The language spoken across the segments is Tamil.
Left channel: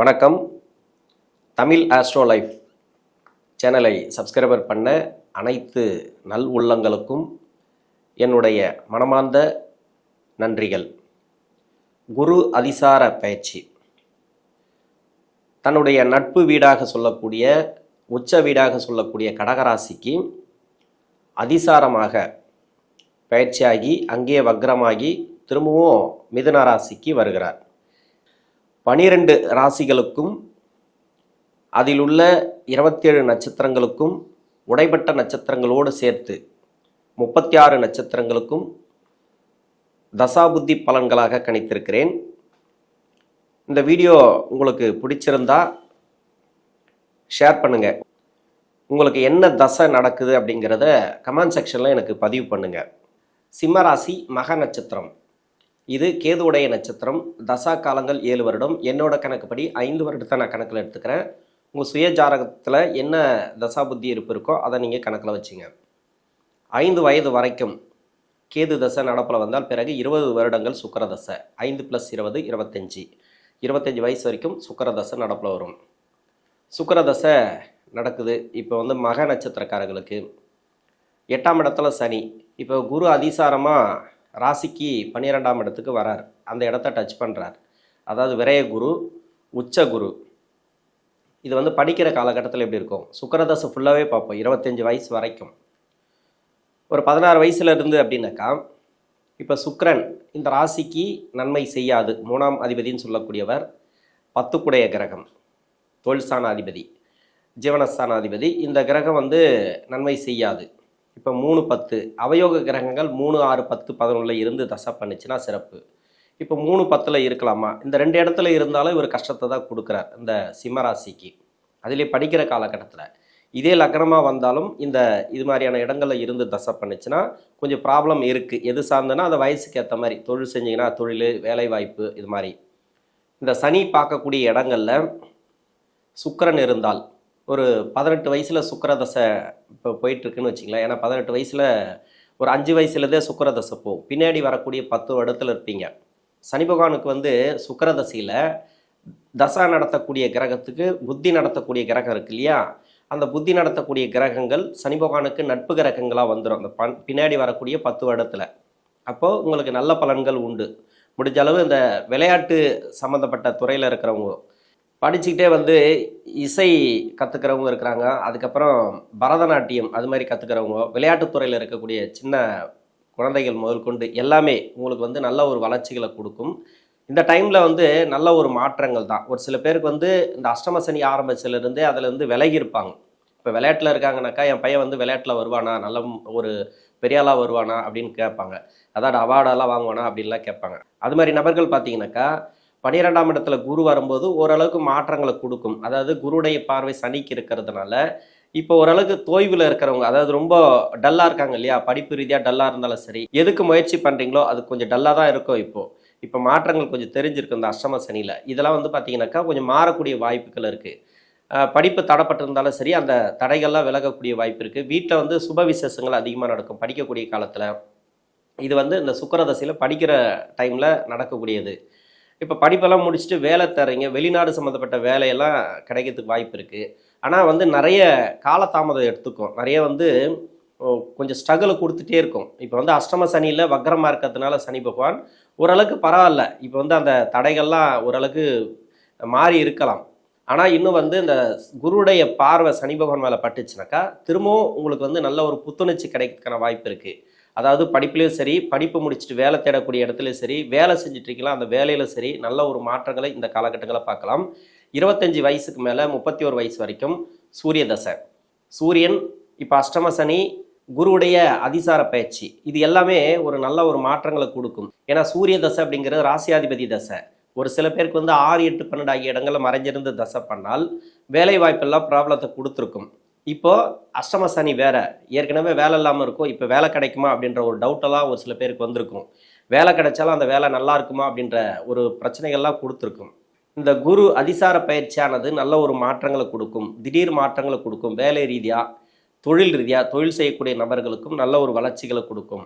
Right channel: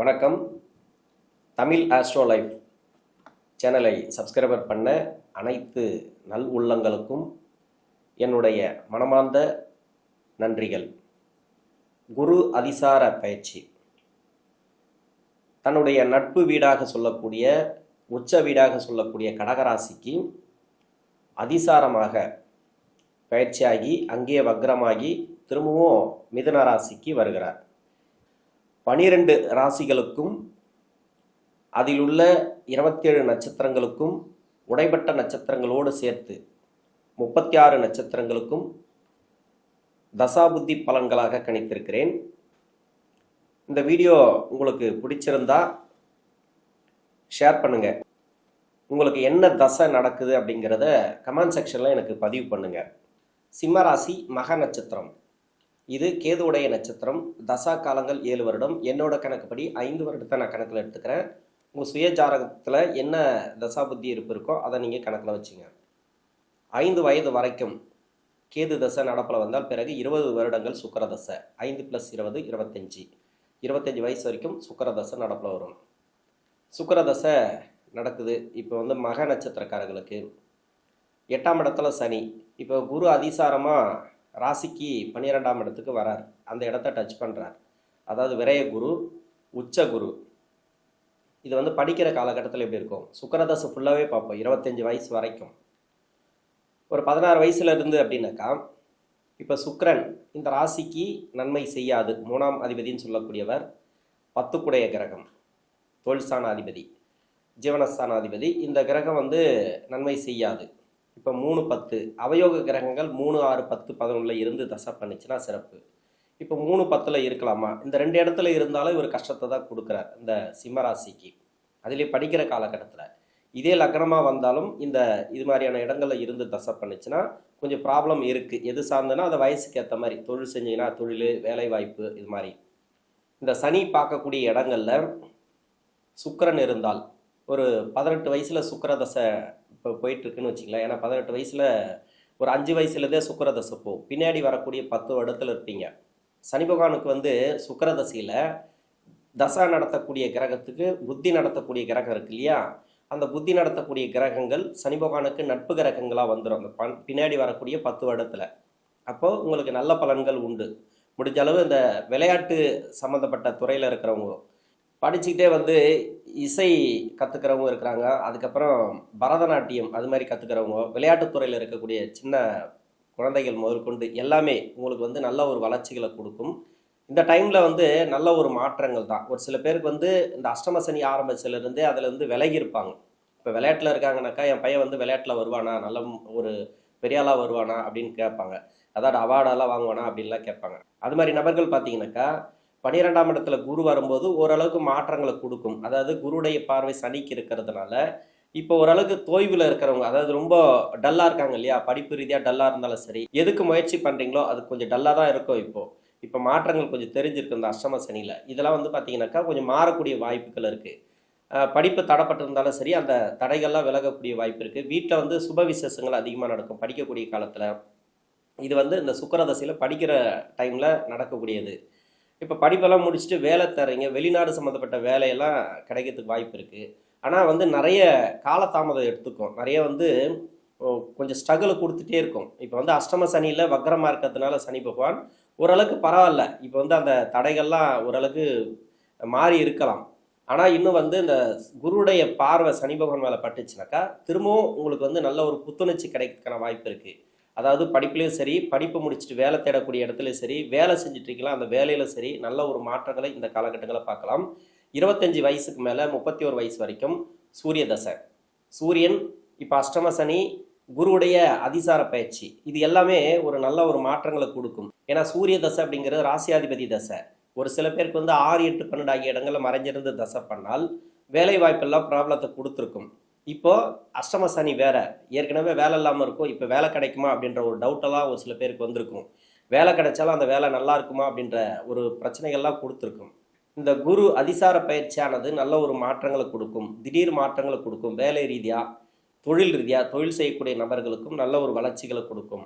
வணக்கம். தமிழ் ஆஸ்ட்ரோ லைஃப் சேனலை சப்ஸ்கிரைபர் பண்ண அனைத்து நல் உள்ளங்களுக்கும் என்னுடைய மனமார்ந்த நன்றிகள். குரு அதிசார பயிற்சி தன்னுடைய நட்பு வீடாக சொல்லக்கூடிய உச்ச வீடாக சொல்லக்கூடிய கடகராசிக்கு அதிசாரமாக பயிற்சியாகி அங்கே வக்ரமாகி திரும்பவும் மிதுன ராசிக்கு வருகிறார். 12 ராசிகளுக்கும் அதில் உள்ள 27 நட்சத்திரங்களுக்கும் உடைபட்ட நட்சத்திரங்களோடு சேர்த்து 36 நட்சத்திரங்களுக்கும் தசாபுத்தி பலன்களாக கணித்திருக்கிறேன். இந்த வீடியோ உங்களுக்கு பிடிச்சிருந்தா ஷேர் பண்ணுங்கள். உங்களுக்கு என்ன தசை நடக்குது அப்படிங்கிறத கமெண்ட் செக்ஷனில் எனக்கு பதிவு பண்ணுங்கள். சிம்மராசி மக நட்சத்திரம், இது கேதுவுடைய நட்சத்திரம். தசா காலங்கள் 7 வருடம். என்னோட கணக்குப்படி 5 வருடத்தை நான் கணக்கில் எடுத்துக்கிறேன். உங்கள் சுய ஜாதகத்தில் என்ன தசா புத்தி இருப்பு இருக்கோ அதை நீங்கள் கணக்கில் வச்சுங்க. 5 வயது வரைக்கும் கேது தசை நடப்பில் வந்தால் பிறகு 20 வருடங்கள் சுக்கிர தசை. 5 + 20 25. 25 வயசு வரைக்கும் சுக்கிர தசை நடப்பில் வரும். சுக்கிர தசை நடக்குது. இப்போ மக நட்சத்திரக்காரர்களுக்கு 8ஆம் இடத்துல சனி. இப்போ குரு அதிசாரமாக ராசிக்கு 12ஆம் இடத்துக்கு வரார். அந்த இடத்த டச் பண்ணுறார். அதாவது விரய குரு, உச்ச குரு. இது படிக்கிற காலகட்டத்தில் எப்படி இருக்கும்? சுக்கிரதசை ஃபுல்லாகவே பார்ப்போம். 25 வயசு வரைக்கும். ஒரு 16 வயசுல இருந்து அப்படின்னாக்கா, இப்போ சுக்கிரன் இந்த ராசிக்கு நன்மை செய்யாது. 3ஆம் அதிபதினு சொல்லக்கூடியவர் 10 குடைய கிரகம், தொழில்ஸ்தான அதிபதி, ஜீவனஸ்தான அதிபதி. இந்த கிரகம் நன்மை செய்யாது. இப்போ 3, 10 அவயோக கிரகங்கள் 3, 6, 10, 11 இருந்து தசை பண்ணிச்சுன்னா சிறப்பு. இப்போ 3, 10 இருக்கலாமா? இந்த 2 இடத்துல இருந்தாலும் இவர் கஷ்டத்தை தான் கொடுக்குறார் இந்த சிம்மராசிக்கு. அதிலே படிக்கிற காலகட்டத்தில் இதே லக்னமாக வந்தாலும் இது மாதிரியான இடங்களில் இருந்து தசை பண்ணிச்சுன்னா கொஞ்சம் ப்ராப்ளம் இருக்குது. எது சார்ந்தனா அந்த வயசுக்கு ஏற்ற மாதிரி தொழில் செஞ்சிங்கன்னா தொழில், வேலைவாய்ப்பு, இது மாதிரி. இந்த சனி பார்க்கக்கூடிய இடங்களில் சுக்கிரன் இருந்தால் ஒரு 18 வயசில் சுக்கிரதசை இப்போ போயிட்டுருக்குன்னு வச்சிங்களேன். ஏன்னா 18 வயசில் ஒரு 5 வயசுலேருந்தே சுக்கிரதசை போகும். பின்னாடி வரக்கூடிய 10 வருடத்தில் இருப்பீங்க. சனி பகவானுக்கு சுக்கிரதசையில் தசா நடத்தக்கூடிய கிரகத்துக்கு புத்தி நடத்தக்கூடிய கிரகம் இருக்கு இல்லையா? அந்த புத்தி நடத்தக்கூடிய கிரகங்கள் சனி பகவானுக்கு நட்பு கிரகங்களாக வந்துடும் அந்த பின்னாடி வரக்கூடிய 10 வருடத்தில். அப்போது உங்களுக்கு நல்ல பலன்கள் உண்டு. முடிஞ்ச அளவு இந்த விளையாட்டு சம்மந்தப்பட்ட துறையில் இருக்கிறவங்க படிச்சுக்கிட்டே இசை கற்றுக்கிறவங்க இருக்கிறாங்க. அதுக்கப்புறம் பரதநாட்டியம் அது மாதிரி கற்றுக்கிறவங்க, விளையாட்டுத்துறையில் இருக்கக்கூடிய சின்ன குழந்தைகள் முதல் கொண்டு எல்லாமே உங்களுக்கு நல்ல ஒரு வளர்ச்சிகளை கொடுக்கும். இந்த டைமில் நல்ல ஒரு மாற்றங்கள் தான். ஒரு சில பேருக்கு இந்த அஷ்டம சனி ஆரம்பிச்சிலேருந்தே அதிலேருந்து விலகி இருப்பாங்க. இப்போ விளையாட்டில் இருக்காங்கனாக்கா, என் பையன் விளையாட்டில் வருவானா, நல்ல ஒரு பெரியாளாக வருவானா அப்படின்னு கேட்பாங்க. அதாவது அவார்டெல்லாம் வாங்குவானா அப்படின்லாம் கேட்பாங்க. அது மாதிரி நபர்கள் பார்த்தீங்கன்னாக்கா 12ஆம் இடத்துல குரு வரும்போது ஓரளவுக்கு மாற்றங்களை கொடுக்கும். அதாவது குருடைய பார்வை சனிக்கு இருக்கிறதுனால இப்போ ஓரளவுக்கு தோய்வில் இருக்கிறவங்க, அதாவது ரொம்ப டல்லாக இருக்காங்க இல்லையா, படிப்பு ரீதியாக டல்லாக இருந்தாலும் சரி, எதுக்கு முயற்சி பண்ணுறீங்களோ அது கொஞ்சம் டல்லாக தான் இருக்கும். இப்போ மாற்றங்கள் கொஞ்சம் தெரிஞ்சிருக்கு இந்த அஷ்டம சனியில். இதெல்லாம் பார்த்தீங்கன்னாக்கா கொஞ்சம் மாறக்கூடிய வாய்ப்புகள் இருக்குது. படிப்பு தடைப்பட்டிருந்தாலும் சரி, அந்த தடைகள்லாம் விலகக்கூடிய வாய்ப்பு இருக்குது. வீட்டில் சுப விசேஷங்கள் அதிகமாக நடக்கும் படிக்கக்கூடிய காலத்தில். இது இந்த சுக்கிரதசையில் படிக்கிற டைமில் நடக்கக்கூடியது. இப்போ படிப்பெல்லாம் முடிச்சுட்டு வேலை தரீங்க, வெளிநாடு சம்மந்தப்பட்ட வேலையெல்லாம் கிடைக்கிறதுக்கு வாய்ப்பு இருக்குது. ஆனால் நிறைய காலதாமதம் எடுத்துக்கும். நிறைய கொஞ்சம் ஸ்ட்ரகிளை கொடுத்துட்டே இருக்கும். இப்போ அஷ்டம சனியில் வக்ரமாக இருக்கிறதுனால சனி பகவான் ஓரளவுக்கு பரவாயில்ல. இப்போ அந்த தடைகள்லாம் ஓரளவுக்கு மாறி இருக்கலாம். ஆனால் இன்னும் இந்த குருடைய பார்வை சனி பகவான் மேலே பட்டுச்சுனாக்கா திரும்பவும் உங்களுக்கு நல்ல ஒரு புத்துணர்ச்சி கிடைக்கிறதுக்கான வாய்ப்பு இருக்குது. அதாவது படிப்புலேயும் சரி, படிப்பு முடிச்சுட்டு வேலை தேடக்கூடிய இடத்துலையும் சரி, வேலை செஞ்சுட்ருக்கலாம் அந்த வேலையில் சரி, நல்ல ஒரு மாற்றங்களை இந்த காலகட்டங்களை பார்க்கலாம். 25 வயசுக்கு மேலே 31 வயசு வரைக்கும் சூரிய தசை. சூரியன் இப்போ அஷ்டம சனி, குருவுடைய அதிசார பயிற்சி, இது எல்லாமே ஒரு நல்ல ஒரு மாற்றங்களை கொடுக்கும். ஏன்னா சூரிய தசை அப்படிங்கிறது ராசியாதிபதி தசை. ஒரு சில பேருக்கு 6, 8, 12 ஆகிய இடங்களில் மறைஞ்சிருந்து தசை பண்ணால் வேலை வாய்ப்பெல்லாம் ப்ராப்ளத்தை கொடுத்துருக்கும். இப்போது அஷ்டம சனி வேறு, ஏற்கனவே வேலை இல்லாமல் இருக்கும், இப்போ வேலை கிடைக்குமா அப்படின்ற ஒரு டவுட்டெல்லாம் ஒரு சில பேருக்கு வந்திருக்கும். வேலை கிடைச்சாலும் அந்த வேலை நல்லா இருக்குமா அப்படின்ற ஒரு பிரச்சனைகள்லாம் கொடுத்துருக்கும். இந்த குரு அதிசார பயிற்சியானது நல்ல ஒரு மாற்றங்களை கொடுக்கும், திடீர் மாற்றங்களை கொடுக்கும். வேலை ரீதியாக, தொழில் ரீதியாக, தொழில் செய்யக்கூடிய நபர்களுக்கும் நல்ல ஒரு வளர்ச்சிகளை கொடுக்கும்.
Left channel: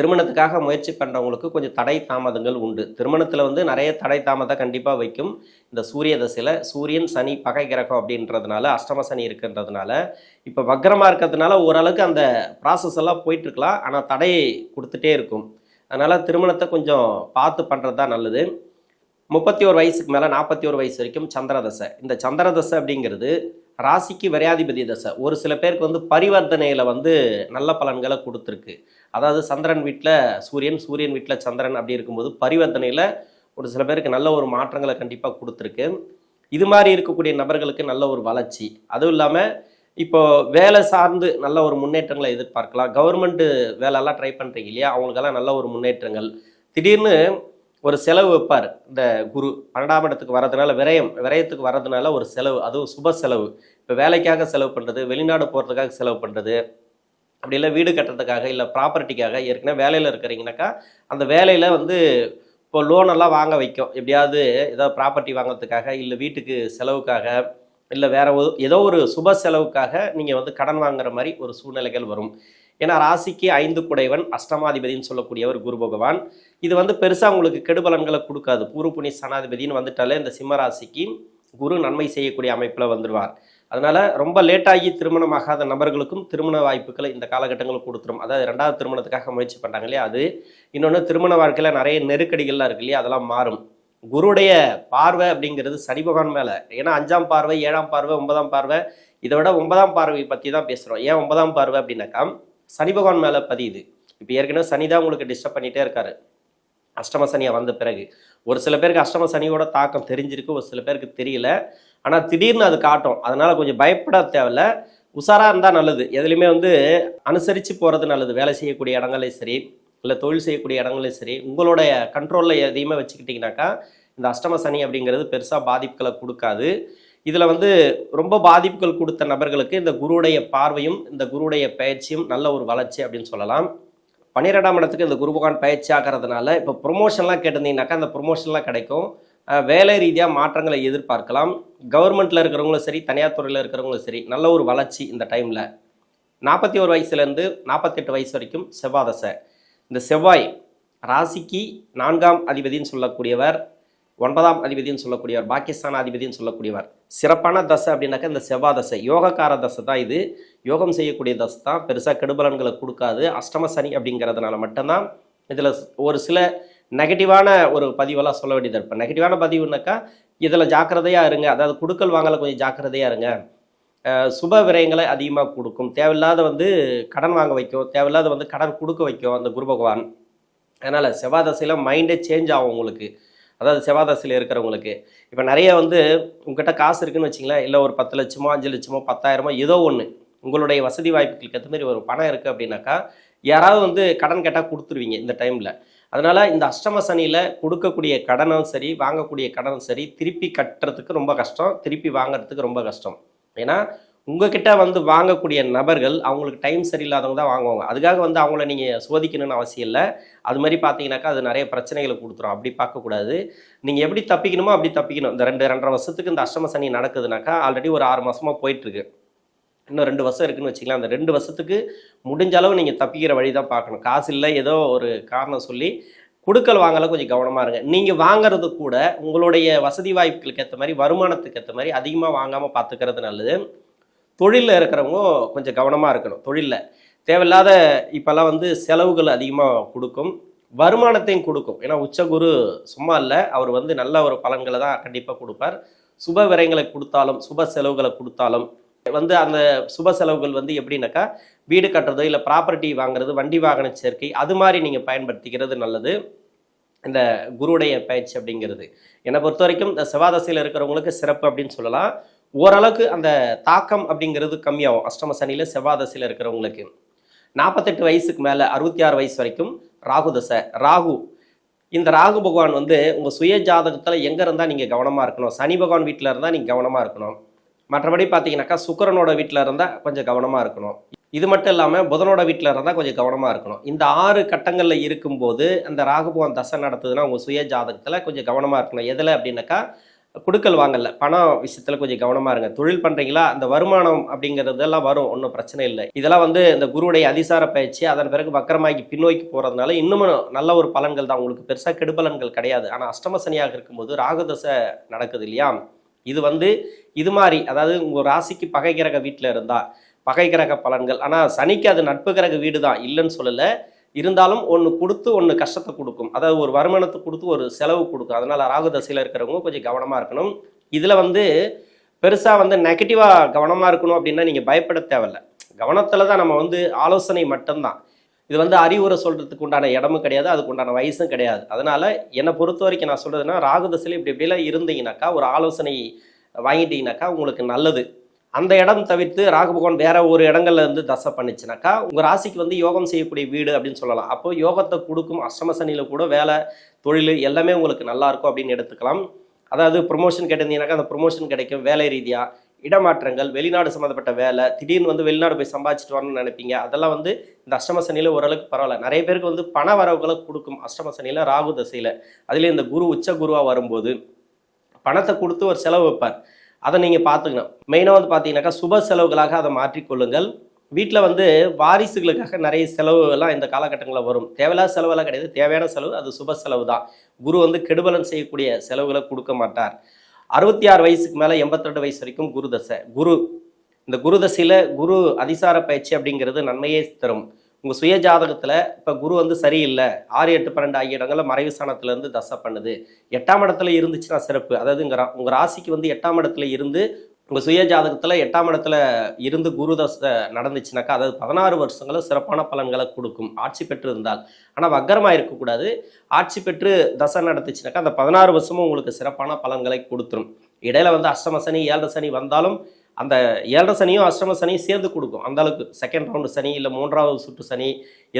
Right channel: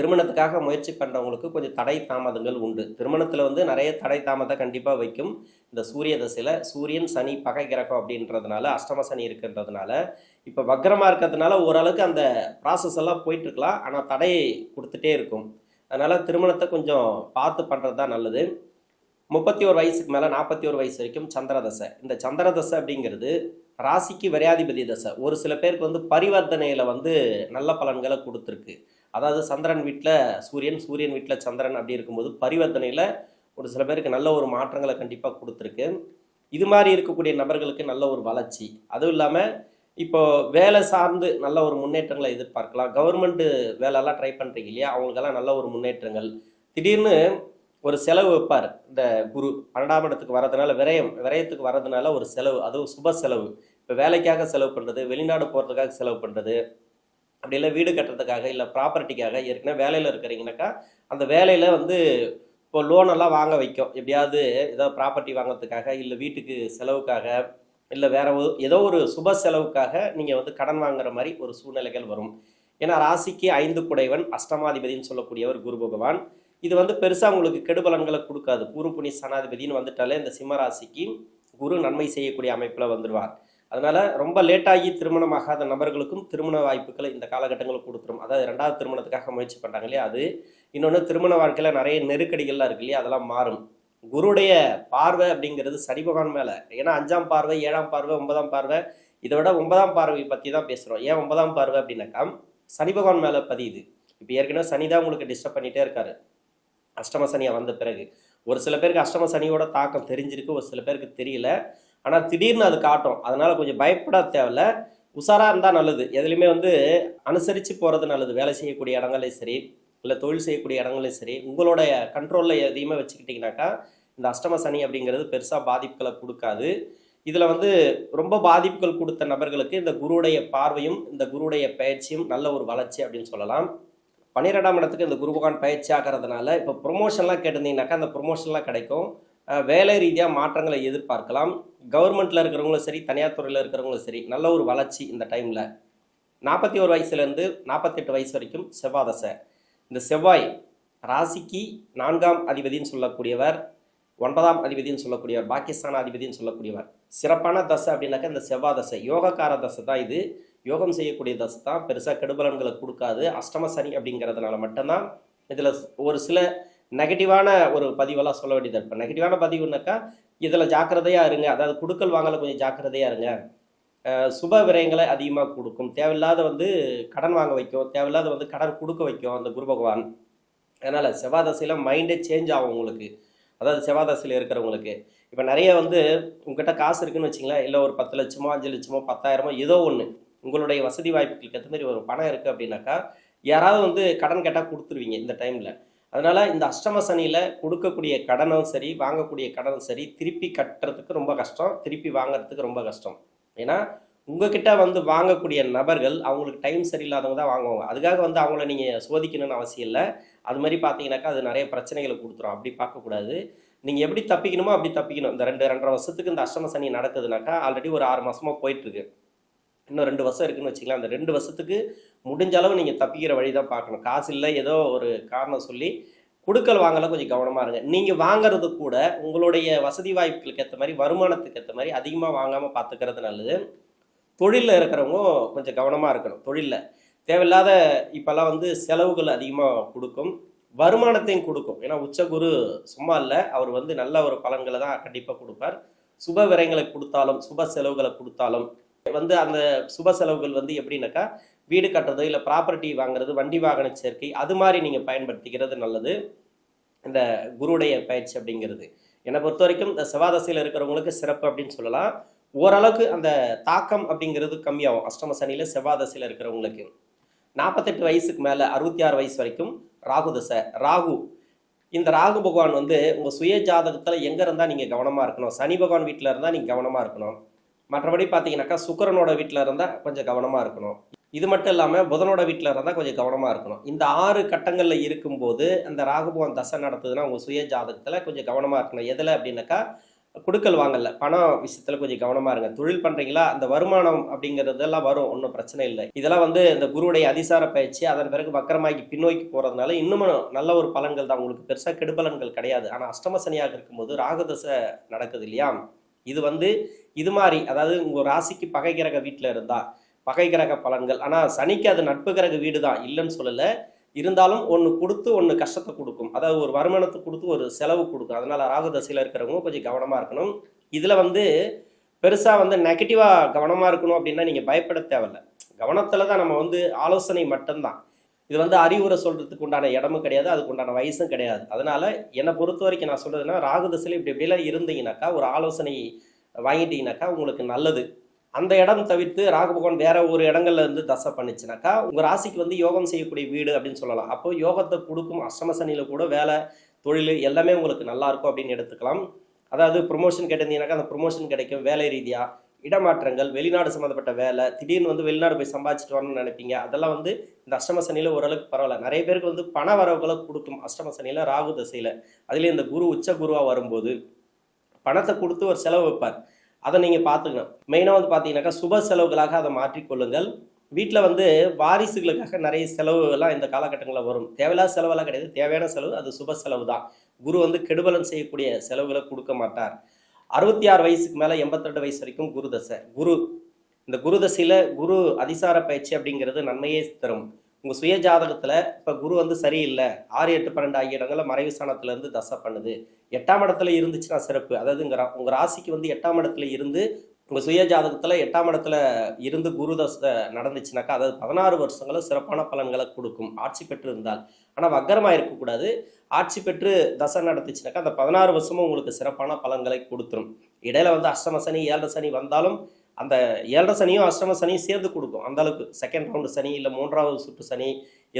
திருமணத்துக்காக முயற்சி பண்ணுறவங்களுக்கு கொஞ்சம் தடை தாமதங்கள் உண்டு. திருமணத்தில் வந்து நிறைய தடை தாமதம் கண்டிப்பாக வைக்கும். இந்த சூரிய தசையில் சூரியன் சனி பகை கிரகம் அப்படின்றதுனால, அஷ்டம சனி இருக்குன்றதுனால, இப்போ வக்ரமாக இருக்கிறதுனால ஓரளவுக்கு அந்த ப்ராசஸ் எல்லாம் போயிட்டுருக்கலாம். ஆனால் தடையை கொடுத்துட்டே இருக்கும். அதனால் திருமணத்தை கொஞ்சம் பார்த்து பண்ணுறது தான் நல்லது. 31 வயசுக்கு மேலே 41 வயசு வரைக்கும் சந்திர தசை. இந்த சந்திர தசை அப்படிங்கிறது ராசிக்கு விரையாதிபதி தசை. ஒரு சில பேருக்கு வந்து பரிவர்த்தனையில் வந்து நல்ல பலன்களை கொடுத்துருக்கு. அதாவது சந்திரன் வீட்டில் சூரியன், சூரியன் வீட்டில் சந்திரன் அப்படி இருக்கும்போது பரிவர்த்தனையில் ஒரு சில பேருக்கு நல்ல ஒரு மாற்றங்களை கண்டிப்பாக கொடுத்துருக்கு. இது மாதிரி இருக்கக்கூடிய நபர்களுக்கு நல்ல ஒரு வளர்ச்சி. அதுவும் இல்லாமல் இப்போ வேலை சார்ந்து நல்ல ஒரு முன்னேற்றங்களை எதிர்பார்க்கலாம். கவர்மெண்ட்டு வேலைலாம் ட்ரை பண்ணுறீங்க இல்லையா, அவங்களுக்கெல்லாம் நல்ல ஒரு முன்னேற்றங்கள். திடீர்னு ஒரு செலவு வைப்பார். இந்த குரு 12ஆம் இடத்துக்கு வர்றதுனால விரயத்துக்கு வர்றதுனால ஒரு செலவு, அதுவும் சுப செலவு. இப்போ வேலைக்காக செலவு பண்ணுறது, வெளிநாடு போகிறதுக்காக செலவு பண்ணுறது, அப்படி இல்லை வீடு கட்டுறதுக்காக, இல்லை ப்ராப்பர்ட்டிக்காக. ஏற்கனவே வேலையில் இருக்கிறீங்கனாக்கா அந்த வேலையில் வந்து இப்போ லோனெல்லாம் வாங்க வைக்கும். எப்படியாவது ஏதாவது ப்ராப்பர்ட்டி வாங்கிறதுக்காக, இல்லை வீட்டுக்கு செலவுக்காக, இல்லை வேறு ஏதோ ஒரு சுப செலவுக்காக நீங்கள் வந்து கடன் வாங்குற மாதிரி ஒரு சூழ்நிலைகள் வரும். ஏன்னா ராசிக்கு 5 குடைவன் அஷ்டமாதிபதினு சொல்லக்கூடியவர் குரு பகவான். இது வந்து பெருசாக உங்களுக்கு கெடுபலன்களை கொடுக்காது. பூர்வ புண்ணிய சனாதிபதினு வந்துட்டாலே இந்த சிம்ம ராசிக்கு குரு நன்மை செய்யக்கூடிய அமைப்பில் வந்துடுவார். அதனால் ரொம்ப லேட்டாகி திருமணமாகாத நபர்களுக்கும் திருமண வாய்ப்புகளை இந்த காலகட்டங்களில் கொடுத்துரும். அதாவது 2வது திருமணத்துக்காக முயற்சி பண்ணுறாங்க இல்லையா, அது. இன்னொன்று திருமண வாழ்க்கையில் நிறைய நெருக்கடிகள்லாம் இருக்கு இல்லையா, அதெல்லாம் மாறும். குருடைய பார்வை அப்படிங்கிறது சனி பகவான் மேலே. ஏன்னா 5ஆம் பார்வை, 7ஆம் பார்வை, 9ஆம் பார்வை. இதை விட 9ஆம் பார்வை பற்றி தான் பேசுகிறோம். ஏன் 9ஆம் பார்வை அப்படின்னாக்கா சனி பகவான் மேலே பதியுது. இப்போ ஏற்கனவே சனி தான் உங்களுக்கு டிஸ்டர்ப் பண்ணிகிட்டே இருக்காரு அஷ்டம சனியாக வந்த பிறகு. ஒரு சில பேருக்கு அஷ்டம சனியோட தாக்கம் தெரிஞ்சிருக்கு, ஒரு சில பேருக்கு தெரியல. ஆனால் திடீர்னு அது காட்டும். அதனால் கொஞ்சம் பயப்பட தேவையில்ல. உஷாராக இருந்தால் நல்லது. எதுலையுமே வந்து அனுசரித்து போகிறது நல்லது. வேலை செய்யக்கூடிய இடங்களையும் சரி, இல்லை தொழில் செய்யக்கூடிய இடங்களையும் சரி, உங்களுடைய கண்ட்ரோலில் எதையுமே வச்சுக்கிட்டிங்கனாக்கா இந்த அஷ்டம சனி அப்படிங்கிறது பெருசாக பாதிப்புகளை கொடுக்காது. இதில் வந்து ரொம்ப பாதிப்புகள் கொடுத்த நபர்களுக்கு இந்த குருவுடைய பார்வையும் இந்த குருவுடைய பயிற்சியும் நல்ல ஒரு வளர்ச்சி அப்படின்னு சொல்லலாம். 12ஆம் இடத்துக்கு இந்த குரு பகவான் பயிற்சி ஆகிறதுனால இப்போ ப்ரொமோஷன்லாம் கேட்டிருந்தீங்கன்னாக்கா அந்த ப்ரொமோஷன்லாம் கிடைக்கும். வேலை ரீதியாக மாற்றங்களை எதிர்பார்க்கலாம். கவர்மெண்ட்டில் இருக்கிறவங்களும் சரி, தனியார் துறையில் இருக்கிறவங்களும் சரி, நல்ல ஒரு வளர்ச்சி இந்த டைமில். 41 வயசுலேருந்து 48 வயசு வரைக்கும் செவ்வாய் தசை. இந்த செவ்வாய் ராசிக்கு 4ஆம் அதிபதினு சொல்லக்கூடியவர், 9ஆம் அதிபதினு சொல்லக்கூடியவர், பாகிஸ்தான் அதிபதினு சொல்லக்கூடியவர். சிறப்பான தசை அப்படின்னாக்கா இந்த செவ்வாய் தசை யோகக்கார தசை தான். இது யோகம் செய்யக்கூடிய தசை தான். பெருசாக கெடுபலன்களை கொடுக்காது. அஷ்டம சனி அப்படிங்கிறதுனால மட்டும்தான் இதில் ஒரு சில நெகட்டிவான ஒரு பதிவெல்லாம் சொல்ல வேண்டியது இருப்பேன். நெகட்டிவான பதிவுனாக்கா இதில் ஜாக்கிரதையாக இருங்க. அதாவது கொடுக்கல் வாங்கலை கொஞ்சம் ஜாக்கிரதையாக இருங்க. சுப விரயங்களை அதிகமாக கொடுக்கும். தேவையில்லாத வந்து கடன் வாங்க வைக்கும், தேவையில்லாத வந்து கடன் கொடுக்க வைக்கும் அந்த குரு பகவான். அதனால் செவ்வாய் தசையில் மைண்டே சேஞ்ச் ஆகும் உங்களுக்கு. அதாவது செவ்வாய் தசையில் இருக்கிறவங்களுக்கு இப்போ நிறைய வந்து உங்கள்கிட்ட காசு இருக்குன்னு வச்சிங்களேன், இல்லை ஒரு 10 லட்சமோ 5 லட்சமோ 10,000மோ ஏதோ ஒன்று உங்களுடைய வசதி வாய்ப்புகளுக்கு ஏற்ற மாதிரி ஒரு பணம் இருக்குது அப்படின்னாக்கா யாராவது வந்து கடன் கேட்டால் கொடுத்துருவீங்க இந்த டைமில். அதனால் இந்த அஷ்டம சனியில் கொடுக்கக்கூடிய கடனும் சரி, வாங்கக்கூடிய கடனும் சரி, திருப்பி கட்டுறதுக்கு ரொம்ப கஷ்டம், திருப்பி வாங்குறதுக்கு ரொம்ப கஷ்டம். ஏன்னா உங்ககிட்ட வந்து வாங்கக்கூடிய நபர்கள் அவங்களுக்கு டைம் சரியில்லாதவங்க தான் வாங்குவாங்க. அதுக்காக வந்து அவங்கள நீங்கள் சோதிக்கணும்னு அவசியம் இல்லை. அது மாதிரி பார்த்தீங்கன்னாக்கா அது நிறைய பிரச்சனைகளை கொடுத்துரும். அப்படி பார்க்கக்கூடாது. நீங்கள் எப்படி தப்பிக்கணுமோ அப்படி தப்பிக்கணும். இந்த 2.5 வருஷத்துக்கு இந்த அஷ்டம சனி நடக்குதுனாக்கா ஆல்ரெடி ஒரு 6 மாதமாக போயிட்டுருக்கு. இன்னும் 2 வருஷம் இருக்குதுன்னு வச்சுக்கலாம். அந்த 2 வருஷத்துக்கு முடிஞ்ச அளவு நீங்கள் தப்பிக்கிற வழி தான் பார்க்கணும். காசு இல்லை ஏதோ ஒரு காரணம் சொல்லி கொடுக்கல் வாங்கல கொஞ்சம் கவனமாக இருங்க. நீங்கள் வாங்கிறது கூட உங்களுடைய வசதி வாய்ப்புகளுக்கு ஏற்ற மாதிரி, வருமானத்துக்கு ஏற்ற மாதிரி அதிகமாக வாங்காமல் பார்த்துக்கிறது நல்லது. தொழிலில் இருக்கிறவங்க கொஞ்சம் கவனமாக இருக்கணும். தொழிலில் தேவையில்லாத இப்போல்லாம் வந்து செலவுகள் அதிகமாக கொடுக்கும், வருமானத்தையும் கொடுக்கும். ஏன்னா உச்சகுரு சும்மா இல்லை, அவர் வந்து நல்ல ஒரு பலன்களை தான் கண்டிப்பாக கொடுப்பார். சுப விரயங்களை கொடுத்தாலும் சுப செலவுகளை கொடுத்தாலும் வந்து அந்த சுப செலவுகள் வந்து எப்படின்னாக்கா வீடு கட்டுறது, இல்லை ப்ராப்பர்ட்டி வாங்குறது, வண்டி வாகன சேர்க்கை, அது மாதிரி நீங்கள் பயன்படுத்திக்கிறது நல்லது இந்த குருவுடைய பயிற்சி அப்படிங்கிறது. என்னை பொறுத்த வரைக்கும் இந்த செவ்வாய் தசையில் இருக்கிறவங்களுக்கு சிறப்பு அப்படின்னு சொல்லலாம். ஓரளவுக்கு அந்த தாக்கம் அப்படிங்கிறது கம்மியாகும் அஷ்டம சனியில் செவ்வாய் தசையில் இருக்கிறவங்களுக்கு. 48 வயசுக்கு மேலே 66 வயசு வரைக்கும் ராகு தசை. இந்த ராகு பகவான் வந்து உங்கள் சுய ஜாதகத்தில் எங்கே இருந்தால் நீங்கள் கவனமாக இருக்கணும். சனி பகவான் வீட்டில் இருந்தால் நீங்கள் கவனமாக இருக்கணும். மற்றபடி பார்த்தீங்கன்னாக்கா சுக்கிரனோட வீட்டில் இருந்தால் கொஞ்சம் கவனமாக இருக்கணும். இது மட்டும் இல்லாமல் புதனோட வீட்டில் இருந்தால் கொஞ்சம் கவனமாக இருக்கணும். இந்த 6 கட்டங்களில் இருக்கும்போது அந்த ராகு பகவான் தசை நடத்துதுன்னா உங்கள் சுய ஜாதகத்தில் கொஞ்சம் கவனமாக இருக்கணும். எதில் அப்படின்னாக்கா குடுக்கல் வாங்கல. பணம் விஷயத்துல கொஞ்சம் கவனமா இருங்க. தொழில் பண்றீங்களா, அந்த வருமானம் அப்படிங்கிறதெல்லாம் வரும். ஒண்ணும் பிரச்சனை இல்ல. இதெல்லாம் வந்து இந்த குருவுடைய அதிசார பயிற்சி, அதன் பிறகு வக்கரமாகி பின்னோக்கி போறதுனால இன்னமும் நல்ல ஒரு பலன்கள் தான். உங்களுக்கு பெருசா கெடுபலன்கள் கிடையாது. ஆனா அஷ்டம சனியாக இருக்கும்போது ராகு தசை நடக்குது இல்லையா? இது வந்து இது மாரி அதாவது உங்க ராசிக்கு பகை கிரக வீட்ல இருந்தா, பகை கிரக பலன்கள். ஆனா சனிக்கு அது நட்பு கிரக வீடு தான், இல்லன்னு சொல்லல. இருந்தாலும் ஒண்ணு குடுத்து, ஒண்ணு கஷ்டத்த குடுக்கும். அதாவது ஒரு வருமானத்த குடுத்து, ஒரு செலவு குடுக்கும். அதனால ராகு தசையில இருக்கிறவங்க கொஞ்சம் கவனமா இருக்கணும். இதுல வந்து பெருசா வந்து நெகட்டிவா கவனமா இருக்கணும் அப்டின்னா, நீங்க பயப்பட தேவையில்ல. கவனத்துல தான் நம்ம வந்து ஆலோசனை மட்டும் தான். இது வந்து அறிவுரை சொல்றதுக்கு உண்டான இடமும் கிடையாது. அதுக்கு உண்டான வயசும் கிடையாது. அதனால என்ன பொறுத்தவரைக்கும் நான் சொல்றதுன்னா, ராகு தசையில இப்டி இப்டிலாம் இருந்தீங்கனாக்கா, ஒரு ஆலோசனை வாங்கிட்டீங்கனாக்கா உங்களுக்கு நல்லது. அந்த இடம் தவிர்த்து ராகு பகவான் வேற ஒரு இடங்கள்ல இருந்து தசை பண்ணுச்சுனாக்கா, உங்க ராசிக்கு வந்து யோகம் செய்யக்கூடிய வீடு அப்படின்னு சொல்லலாம். அப்போ யோகத்த குடுக்கும். அஷ்டம சனியில கூட வேலை, தொழிலு எல்லாமே உங்களுக்கு நல்லா இருக்கும் அப்படின்னு எடுத்துக்கலாம். அதாவது ப்ரமோஷன் கேட்டிருந்தீங்கன்னாக்கா, அந்த ப்ரமோஷன் கிடைக்கும். வேலை ரீதியா, இடமாற்றங்கள், வெளிநாடு சம்மந்தப்பட்ட வேலை, திடீர்னு வந்து வெளிநாடு போய் சம்பாதிச்சுட்டு வரணும்னு நினைப்பீங்க. அதெல்லாம் வந்து இந்த அஷ்டம சனியில ஓரளவுக்கு பரவால்ல. நெறைய பேருக்கு வந்து பண வரவுகள குடுக்கும் அஷ்டம சனியில, ராகு தசையில. அதிலயும் இந்த குரு உச்ச குருவா வரும்போது, பணத்த குடுத்து ஒரு செலவு வைப்பார். அத நீங்க பார்த்துக்கணும். மெயினா வந்து பார்த்தீங்கன்னாக்கா, சுப செலவுகளாக அத மாற்றிக் கொள்ளுங்கள். வீட்ல வந்து வாரிசுகளுக்காக நெறைய செலவுலாம் இந்த காலகட்டங்கள்ல வரும். தேவையில்லாத செலவெல்லாம் கிடையாது. தேவையான செலவு, அது சுப செலவு தான். குரு வந்து கெடுபலன் செய்யக்கூடிய செலவுகள குடுக்க மாட்டார். 66 வயசுக்கு மேல 82 வயசு வரைக்கும் குரு தசை. இந்த குரு தசையில குரு அதிசார பயிற்சி அப்படிங்கிறது நன்மையே தரும். உங்க சுய ஜாதகத்துல இப்ப குரு வந்து சரியில்ல. 6, 8, 12 ஆகிய இடங்கள்ல மறைவு ஸ்தானத்துல இருந்து தசை பண்ணுது. 8ஆம் இடத்துல இருந்துச்சுன்னா சிறப்பு. அதாவது உங்க ராசிக்கு வந்து 8ஆம் இடத்துல இருந்து உங்க சுய ஜாதகத்துல 8ஆம் இடத்துல இருந்து குரு தசை நடந்துச்சுனாக்கா, அதாவது 16 வருஷங்களும் சிறப்பான பலன்களை கொடுக்கும். ஆட்சி பெற்று இருந்தால். ஆனா வக்கரமா இருக்கக்கூடாது. ஆட்சி பெற்று தசை நடந்துச்சுனாக்கா, அந்த 16 வருஷமும் உங்களுக்கு சிறப்பான பலன்களை கொடுத்துரும். இடையில வந்து அஷ்டம சனி, 7 சனி வந்தாலும் அந்த 7 சனியும் அஷ்டம சனியும் சேர்ந்து கொடுக்கும். அந்த அளவுக்கு செகண்ட் ரவுண்டு சனி, இல்ல 3வது சுற்று சனி,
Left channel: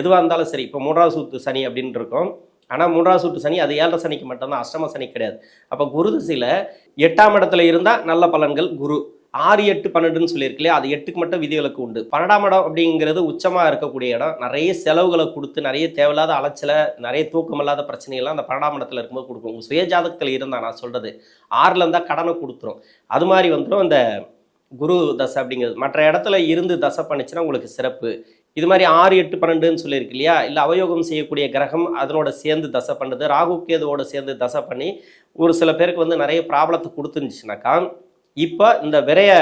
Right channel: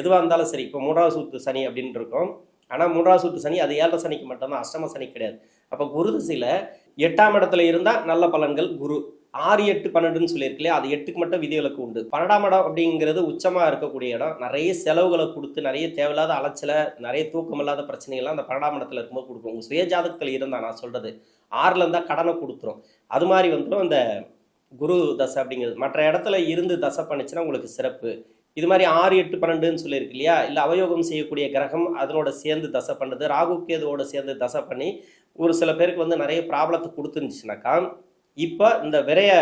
எதுவா இருந்தாலும் சரி. இப்போ 3வது சுற்று சனி அப்படின்னு இருக்கும். ஆனா 3வது சுற்று சனி அது 7 சனிக்கு மட்டும்தான், அஷ்டம சனி கிடையாது. அப்ப குரு திசையில 8ஆம் இடத்துல இருந்தா நல்ல பலன்கள் குரு. 6, 8, 12ன்னு சொல்லியிருக்கு இல்லையா? அது 8க்கு மட்டும் விதிவிலக்கு உண்டு. 12ஆம் இடம் அப்படிங்கிறது உச்சமா இருக்கக்கூடிய இடம். நிறைய செலவுகளை கொடுத்து, நிறைய தேவையில்லாத அலைச்சல, நிறைய தூக்கமில்லாத பிரச்சனைகள்லாம் அந்த 12ஆம் இடத்துல இருக்கும்போது கொடுக்கும். உங்க சுய ஜாதகத்துல இருந்தா நான் சொல்றது. 6ல இருந்தா கடனை கொடுத்துரும். அது மாதிரி வந்துடும் அந்த குரு தசை அப்படிங்கிறது. மற்ற இடத்துல இருந்து தசை பண்ணுச்சுன்னா உங்களுக்கு சிறப்பு. இது மாதிரி 6, 8, 12ன்னு சொல்லியிருக்கு இல்லையா? இல்ல அவயோகம் செய்யக்கூடிய கிரகம் அதனோட சேர்ந்து தசை பண்ணுது. ராகு கேதுவோட சேர்ந்து தசை பண்ணி ஒரு சில பேருக்கு வந்து நிறைய ப்ராப்ளத்தை கொடுத்துருந்துச்சுனாக்கா, இப்ப இந்த விரய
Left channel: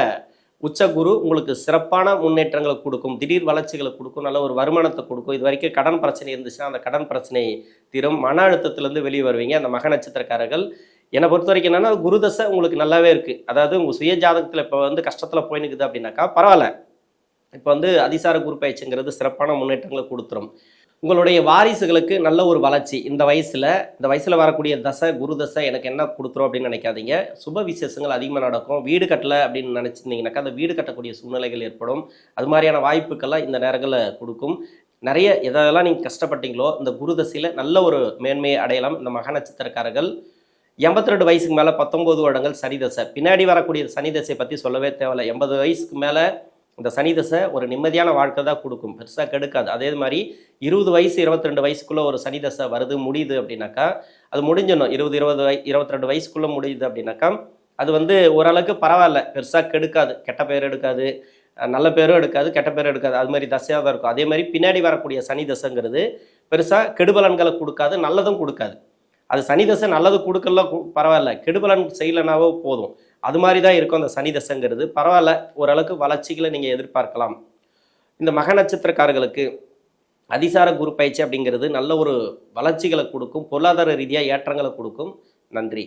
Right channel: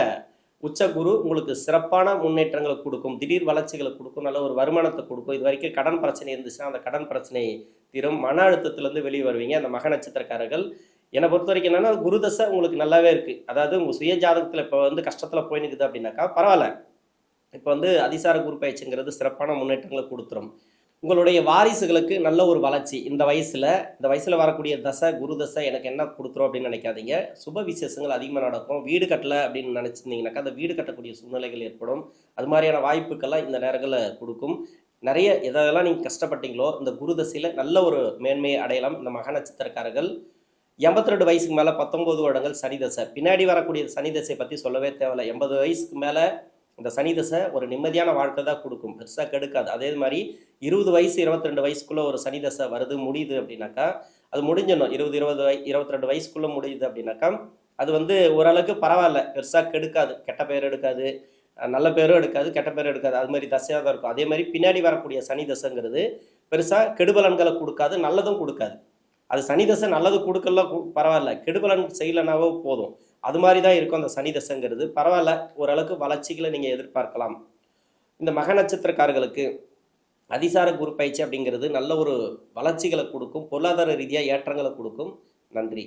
உச்ச குரு உங்களுக்கு சிறப்பான முன்னேற்றங்களை கொடுக்கும். திடீர் வளர்ச்சிகளை கொடுக்கும். நல்ல ஒரு வருமானத்தை கொடுக்கும். இது வரைக்கும் கடன் பிரச்சனை இருந்துச்சுன்னா அந்த கடன் பிரச்சனை தீரும். மன அழுத்தத்திலிருந்து வெளியே வருவீங்க. அந்த மக நட்சத்திரக்காரர்கள் என்னை பொறுத்த வரைக்கும் என்னன்னா, குரு தசை உங்களுக்கு நல்லாவே இருக்கு. அதாவது உங்க சுய ஜாதகத்துல இப்ப வந்து கஷ்டத்துல போய் நிக்குது அப்படின்னாக்கா பரவாயில்ல. இப்ப வந்து அதிசார குரு பயிற்சிங்கிறது சிறப்பான முன்னேற்றங்களை கொடுத்துரும். உங்களுடைய வாரிசுகளுக்கு நல்ல ஒரு வளர்ச்சி இந்த வயசுல வரக்கூடிய தசை, குரு தசை எனக்கு என்ன குடுத்துரும் அப்படின்னு நினைக்காதீங்க. சுப விசேஷங்கள் அதிகமா நடக்கும். வீடு கட்டல அப்படின்னு நினைச்சிருந்தீங்கன்னாக்கா, அந்த வீடு கட்டக்கூடிய சூழ்நிலைகள் ஏற்படும். அது மாதிரியான வாய்ப்புக்கெல்லாம் இந்த நேரங்கள்ல குடுக்கும். நிறைய எதெல்லாம் நீங்க கஷ்டப்பட்டீங்களோ, இந்த குரு தசையில நல்ல ஒரு மேன்மையை அடையலாம் இந்த மக நட்சத்திரக்காரர்கள். 82 வயசுக்கு மேல 19 வருடங்கள் சனி தசை. பின்னாடி வரக்கூடிய சனி தசையை பத்தி சொல்லவே தேவையில்ல. 80 வயசுக்கு மேல இந்த சனி தசை ஒரு நிம்மதியான வாழ்க்கை தான் கொடுக்கும். பெருசா கெடுக்காது. அதே மாதிரி 20 வயசு 22 வயசுக்குள்ள ஒரு சனி தசை வருது, முடியுது அப்படின்னாக்கா, அது முடிஞ்சிடணும். 20, 22 வயசுக்குள்ள முடியுது அப்படின்னாக்கா, அது வந்து ஓரளவுக்கு பரவாயில்ல. பெருசா கெடுக்காது. கெட்ட பேர் எடுக்காது. நல்ல பேரும் எடுக்காது, கெட்ட பேரும் எடுக்காது. அது மாதிரி தசையாக தான் இருக்கும். அதே மாதிரி பின்னாடி வரக்கூடிய சனி தசைங்கிறது பெருசா கெடுபலன்களை கொடுக்காது, நல்லதும் கொடுக்காது. அது சனி தசை நல்லது கொடுக்கலாம் பரவாயில்ல. கெடுபலன் செய்யலைனாவோ போதும். அது மாதிரி தான் இருக்கும் அந்த சனி தசைங்கிறது. பரவாயில்ல, ஓரளவுக்கு வளர்ச்சிகளை நீங்கள் எதிர்பார்க்கலாம். இந்த மக நட்சத்திரக்காரர்களுக்கு அதிசார குரு பயிற்சி அப்படிங்கிறது நல்ல ஒரு வளர்ச்சிகளை கொடுக்கும். பொருளாதார ரீதியாக ஏற்றங்களை கொடுக்கும். நன்றி.